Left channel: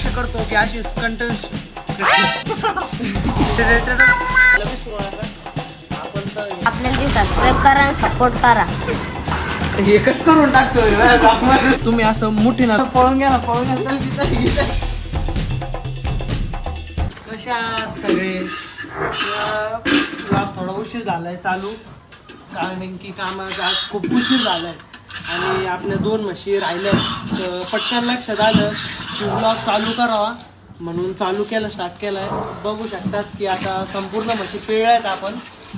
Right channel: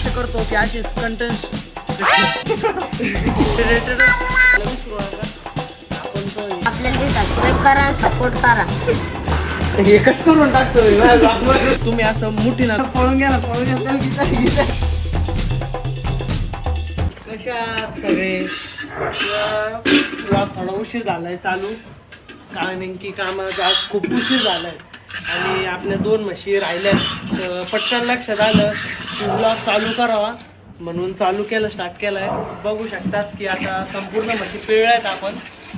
आशा करतो की अशी कंटेंट रिलेटेड आपल्याला सबस्क्राईब करा आणि सपोर्ट करा. एकच करून टाकतोय तुम्ही असं मोठी ना पळून घ्या कशा सगळे थोडा उशीर झालाय चालू कारण की कामाचा आज खूप उशीर झालाय आणि आपल्या 2 म्हशी राहिल्या तर पटकन लक्षात आलं की ब्लॉग चालू करावा म्हणून चालू केलं स्टार्ट केलाय. बघू शकतात की आता संपूर्ण म्हशी पिळल्यात आपण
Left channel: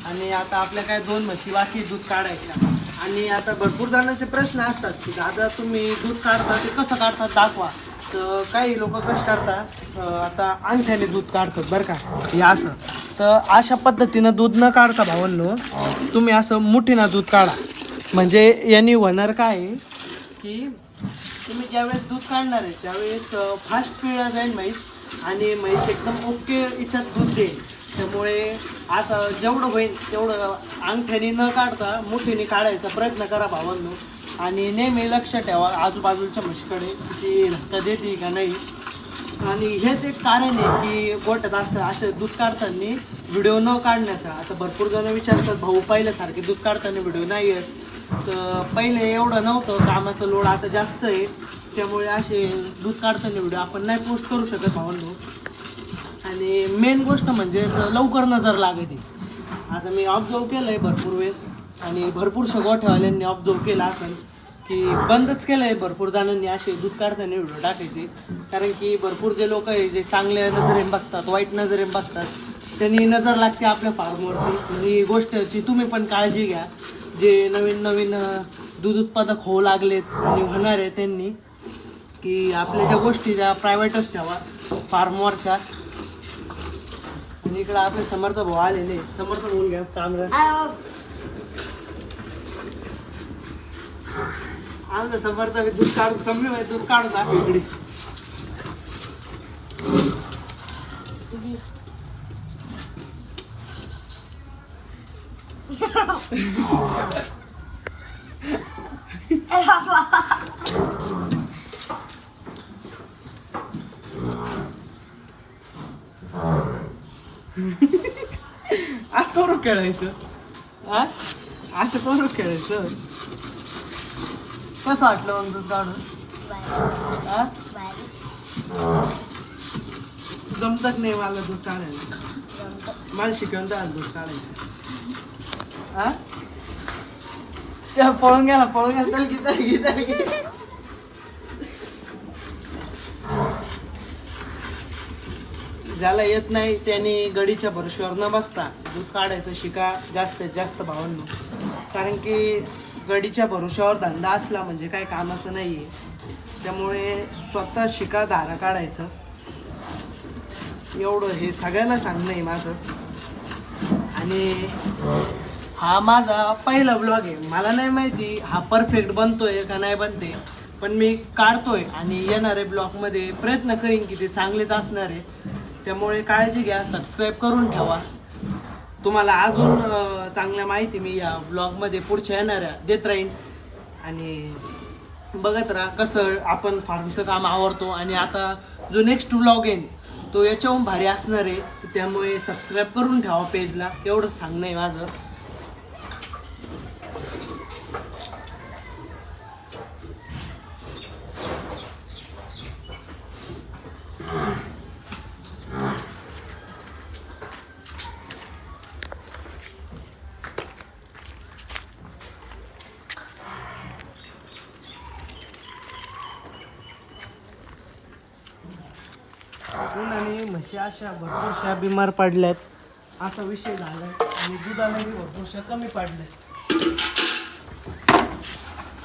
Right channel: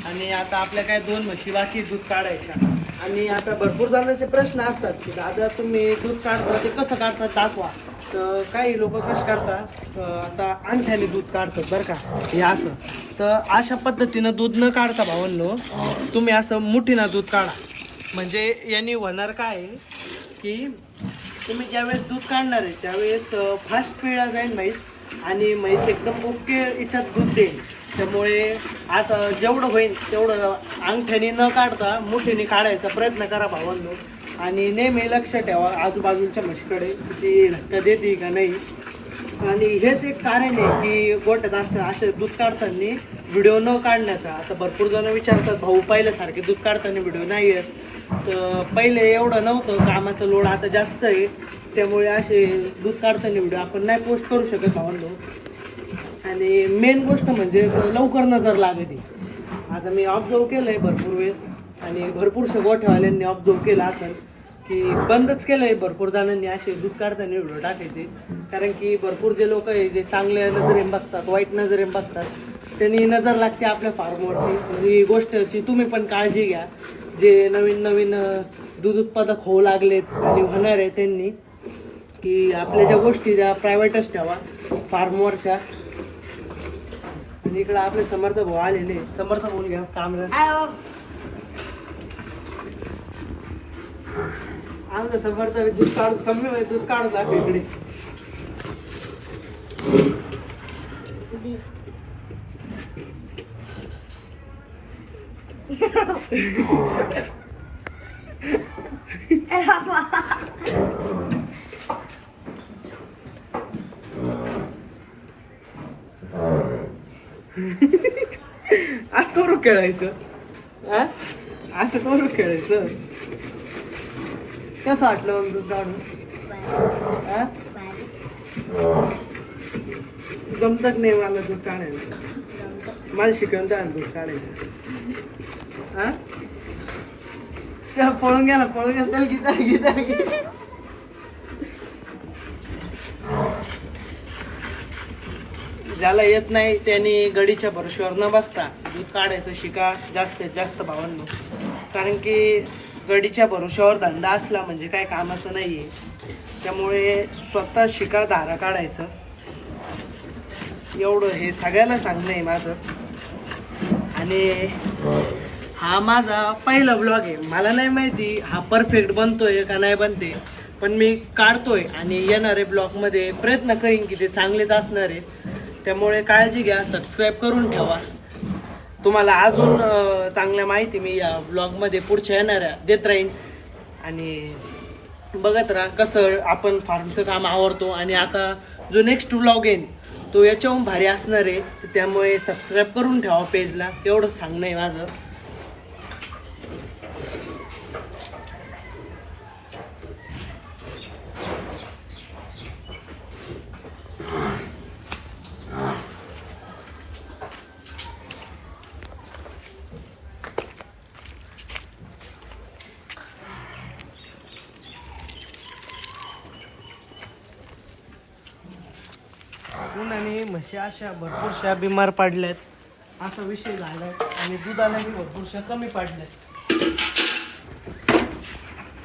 आणि आता आपल्या काय 2 म्हशी बाकी दूध काढायच्या. आणि आता भरपूर जणांचे प्रश्न असतात की दादा तुम्ही दूध काढता ते कसं काढतात दाखवा. तर काही लोक कसं करतात आता अंगठ्याने दूध काढतात बरं का हे असं. तर अशा पद्धतीनं दूध न काढता भावांनो तुम्ही असं मुठीनं दूध काढा. म्हणजे यांनी होणार काय आहे की तुम्ही ज्यावेळेस दूध काढणार आहे त्यावेळेस फास्ट पिळला जाईल म्हैस आणि म्हैस एकदम ओके याच्यात दूध देईल. त्यामुळे असं जेवढं होईल तेवढं अंगठ्याने न काढता मुठीने काढायचा प्रयत्न करा भावांनो. आणि नेहमी लक्ष ठेवा आजूबाजूच्या म्हशीकडे की धक्का देते का नाही. आणि हेच एक कारण आहे की गोठ्यात असतं असे दूध काढताना व्हिडिओ न काढण्याचा. आता भरपूर जण विचारतात भाऊ पहिल्यासारखे दूध काढताना व्हिडिओ नाही आहेत. तर पहिले एवढं नव्हतं कामाचं लोड आता जास्त आहे त्यामुळे असे दूध काढताना व्हिडिओ आपण नाही पोस्ट करू शकत भावांनो. आणि मेन गोष्ट म्हणजे लवकर नजर लागते. आता मी ऑब्झर्व केलं आहे भरपूर वेळेस आणि भरपूरशा गोठ्यावाल्यांनी ऑब्झर्व केलं असेल की बंदच केलं आहे भरपूर जणांनी असे दूध काढताना व्हिडिओ टाकायचे. कारण की भरपूर जे लोक आहे जे चांगल्या नजरेने बघतात वाईट नजरेने बघतात त्यांनी नजर लागते आपल्या फार्मवरती. ही गोष्टची तुम्ही पण काळजी घ्या. जे नवीन नवीन दूध उत्पादक होऊ लागलेत आणि होणार आहे त्यांनी की आपल्या ज्या गोष्टी त्या प्रायव्हेटच ठेवा फार्मवरच्या. आणि इकडं आपले समर्थ भाऊ आलेले समर्थ भाऊ घ्या कामला आमचं समर्थ दूध काढू सम्य दूध काढून दाखव इकडे. असं करू खेळायचं हा असं करू खेळायचं. कसं वाटलं मग दूध काढून हा जमतच नाही मला दूध काढायला. मला शिकवून द्या दूध काढायचं हा पळून गेला त्याला गीता ज्याला येत नाही त्याने गडीच्या भरोश्यावर न बसता दूध काढायचं शिका जास्तीत जास्त भावांनो. कारण की गडीच्या भरोश्यावर धंदा असला म्हणजे काही कामाचं नाही आहे. त्यामुळे स्वतः शिका धारा काढायचं एवढं हे सगळ्याला सांगणं आहे माझं. आणि हा माझा पहिला ब्लॉग आहे. मला नाही माहिती हा परफेक्ट बनतोय का नाही बनते पण मी काढतोय आणि येणारे ब्लॉगमध्ये प्रयत्न करीन की ते चांगलेच असणार आहे. त्यामुळे काळजी घ्या सबस्क्राईब करून ठेवा. तुम्हाला अजून चांगल्या माहिती मी या ब्लॉगमध्ये पुढच्या येणाऱ्या देत राहीन. आणि बघत राहा कसं आपण फार्मचं काम आवडतो. आणि आता जो नेक्स्ट ब्लॉग येईल तो याच्याहून भारी असणार आहे. त्यामुळे सबस्क्राईब करून ठेवा पेजला एवढंच सांगणं आहे माझं. आणि म्हशी अशा भरपूरशा बिमार पडल्यात असा विषय झालाय आणि दुधालाही भरपूरशा कमी पडल्यात.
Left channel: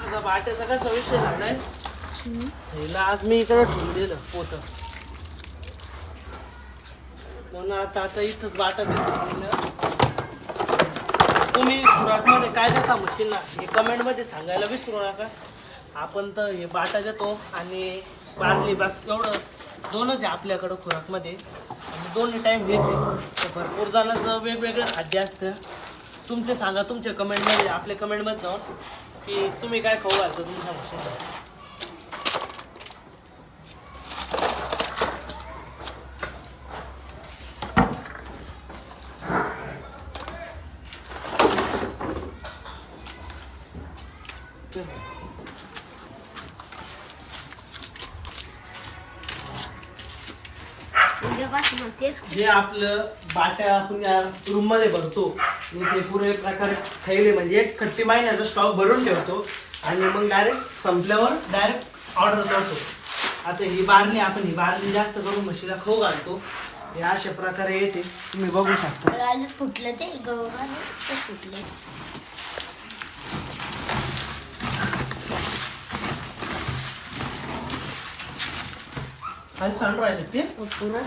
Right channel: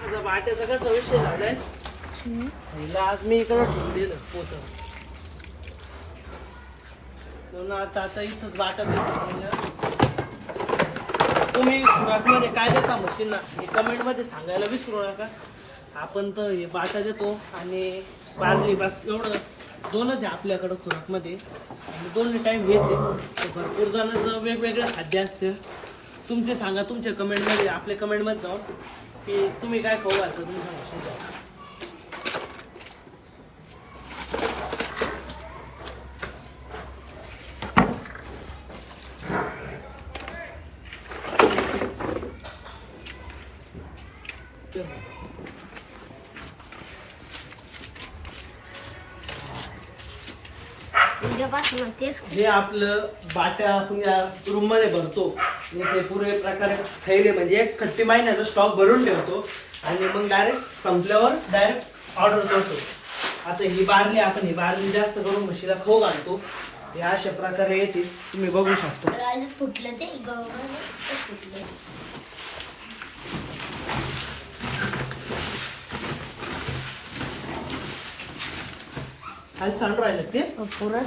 आता बाट्याचा कसा विषय झालाय हिला आज मी इकडे ठेवून दिलं पोत म्हणून आता इथंच बाटा देतो. तुम्ही खुराकमध्ये काय देता म्हशींना हे कमेंटमध्ये सांगायला विसरू नका. आपण तर हे बाटा देतो आणि बाजरी बस एवढं 2च आहे आपल्याकडं खुराकमध्ये आणि 2 टाईम व्हेज आहे. तर भरपूर जणांचं वेगवेगळं खाद्य असतं. तुमचे सांगा तुमच्या कमेंटमध्ये आपल्या कमेंटमध्ये जाऊन की तुम्ही काय खाऊ घालता तुमच्या म्हशींना. उद्यापासून तेच हे आपलं बाट्या आपण रूम मध्ये भरतो आणि ते पुरे प्रकारे थैले म्हणजे एक खट्टी महिन्याचा स्टॉक भरून ठेवतो आणि मग डायरेक्ट संपल्यावर डायरेक्ट ऑर्डर करतो. आता ही बारली जास्त करून म्हशीला खाऊ घालतो. हे अशा प्रकारे येते, तुम्ही बघू शकता. राजू फुटलं ते गळून फुटले. आज सांड राहिले ते पुन्हा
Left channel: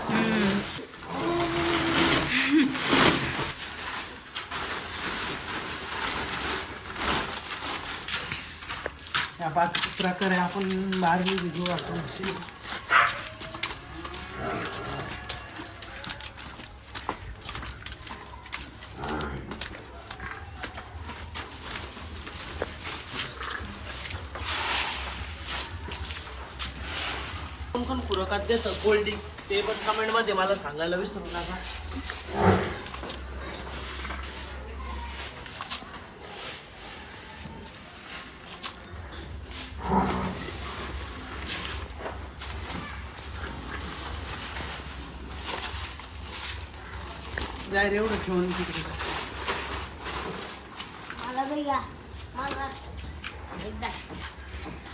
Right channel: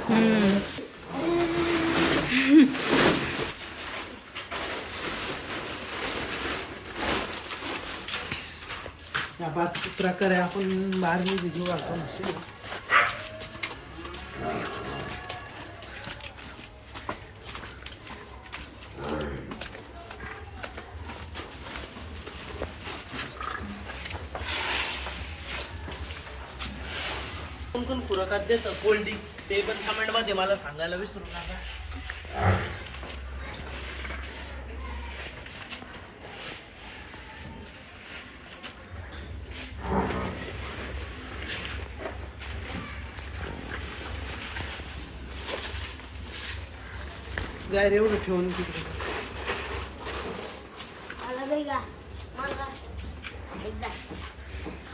या बाकी प्रकारे आपण बारली भिजू घालतो म्हशी. कोण पुरकात देतं कोल्ड ड्रिंक ते पण कमेंट मध्ये मला सांगायला विसरू नका. जाय एवढं ठेवून तिकडे मला बघा मला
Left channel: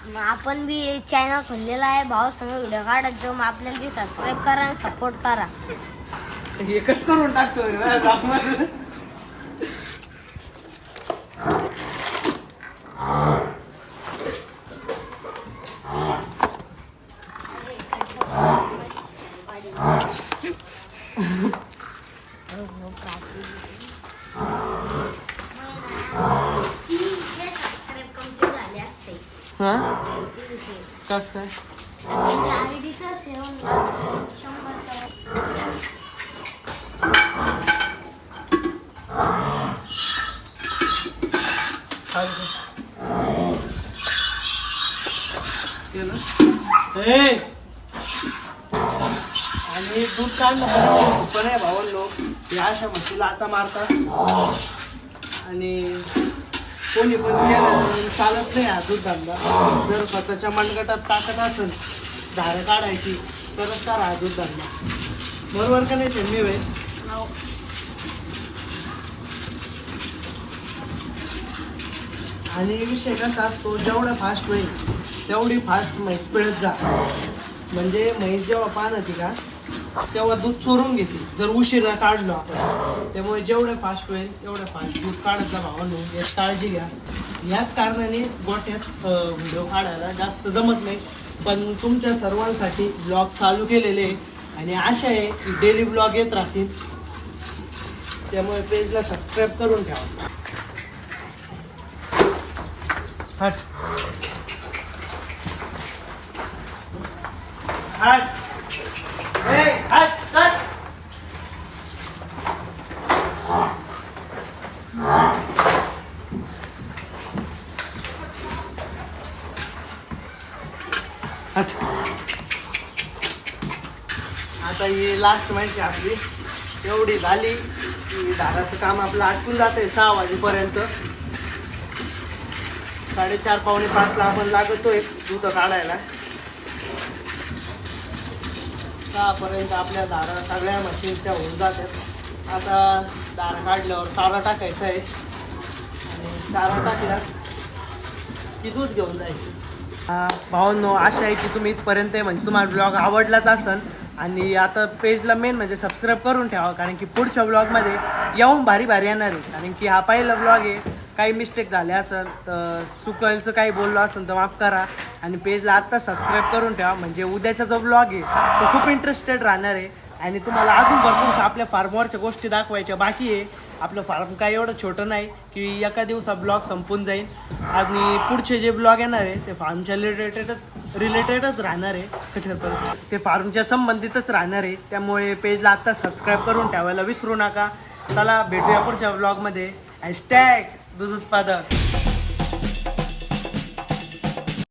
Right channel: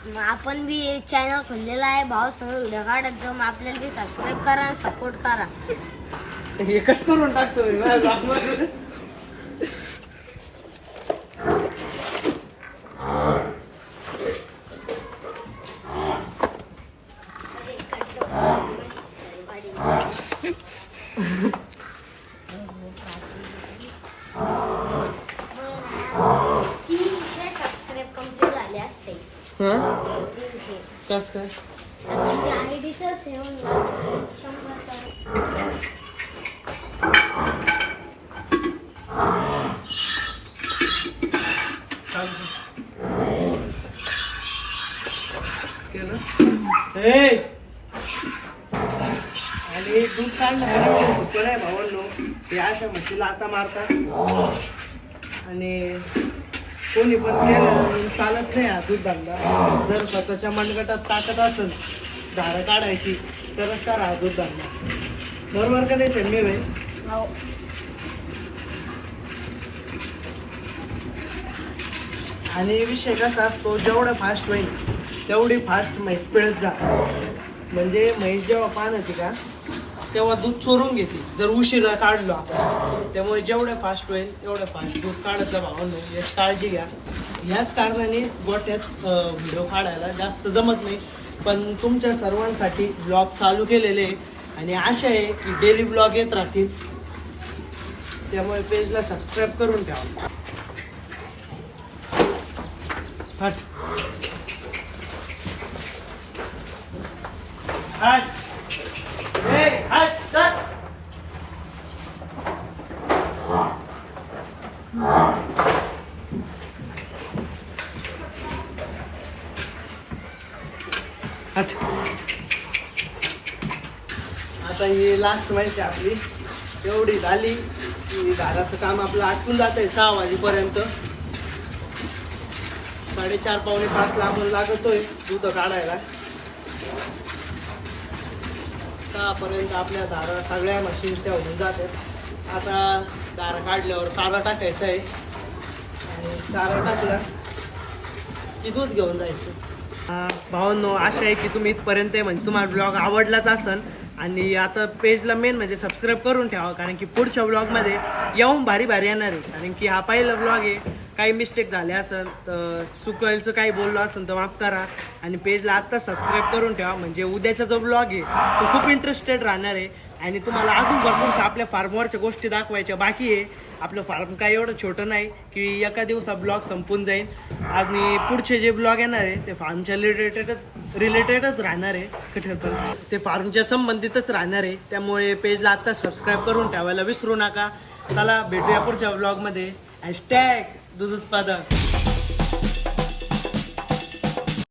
मग आपण बी चॅनल खोललेला आहे. भाऊ संग व्हिडिओ काढत जाऊ. मग आपल्याला बी सबस्क्राईब करा आणि सपोर्ट करा. एकच करून टाकतो सबस्क्राईब कंप्लीट झाले असते. कस काय आयडीचं सेवन 100. आणि दूध काढणं सोपं नाही भावांनो. हे अशा म्हशीला आता मारतात आणि कोणी पण केलं चालत नाही हा दूध धंदा. जर स्वतःच्या मनगटात ताकद असेल धारं काढायची तरच करा हा दूध धंदा. बरोबर का नाही संमी भाई? आणि विषय कसा असतो, जेवढं फास्ट होईल तेवढी फास्ट म्हैस पिळत जा. म्हणजे म्हैस जेव्हा पान होती का तेव्हा दूध चोरून घेते जर उशिरा काढलो आपण. त्यामुळे जेवढे फास्ट होईल तेवढं फास्ट दूध काढत जा भावांनो. याची काळजी घ्या. याच कारणाने गोट्यात व्हिडिओ काढायला जास्त जमत नाही. पण तुमच्या सर्वांसाठी ब्लॉग चालू केलेले आणि आशा आहे की डेली ब्लॉग येत राहतील. त्यामुळे पेजला सबस्क्राईब करून ठेवा. हट हट हट हट. हट. आता ही लास्ट माहिती आपली एवढी झाली की दाराचं काम आपलं आटपून जात आहे 6 वाजेपर्यंत. 4:30 पावणे 5 ला आपण लागतोय दूध काढायला. 6 पर्यंत आपल्या दारा सगळ्या मशीन्सच्या होऊन जातात. आता दारा काढल्यावर चारा टाकायचा आहे आणि चारा टाकला की दूध घेऊन जायचं. भावांनो आशा आहे की तुम्ही इथपर्यंत म्हणजे तुम्हाला ब्लॉग आवडलाच असन. आणि आता पेजला मेन म्हणजे सबस्क्राईब करून ठेवा, कारण की पुढच्या ब्लॉगमध्ये येऊन भारी भारी येणार आहे. कारण की हा पहिला ब्लॉग आहे. काही मिस्टेक झाले असेल तर चुकायचं काही बोललो असेल तर माफ करा. आणि पेजला आत्ता सबस्क्राईब करून ठेवा म्हणजे उद्याचा जो ब्लॉग आहे तो खूप इंटरेस्टेड राहणार आहे. आणि तुम्हाला अजून भरपूर आपल्या फार्मवरच्या गोष्टी दाखवायच्या बाकी आहे. आपलं फार्म काय एवढं छोटं नाही की एका दिवसात ब्लॉग संपून जाईल. आणि पुढचे जे ब्लॉग येणार आहे ते फार्मच्या रिलेटेडच राहणार आहे. ते फार्मच्या संबंधितच राहणार आहे. त्यामुळे पेजला आत्ता सबस्क्राईब करून ठेवायला विसरू नका. चला भेटूया पुढच्या ब्लॉगमध्ये. # दूध उत्पादक.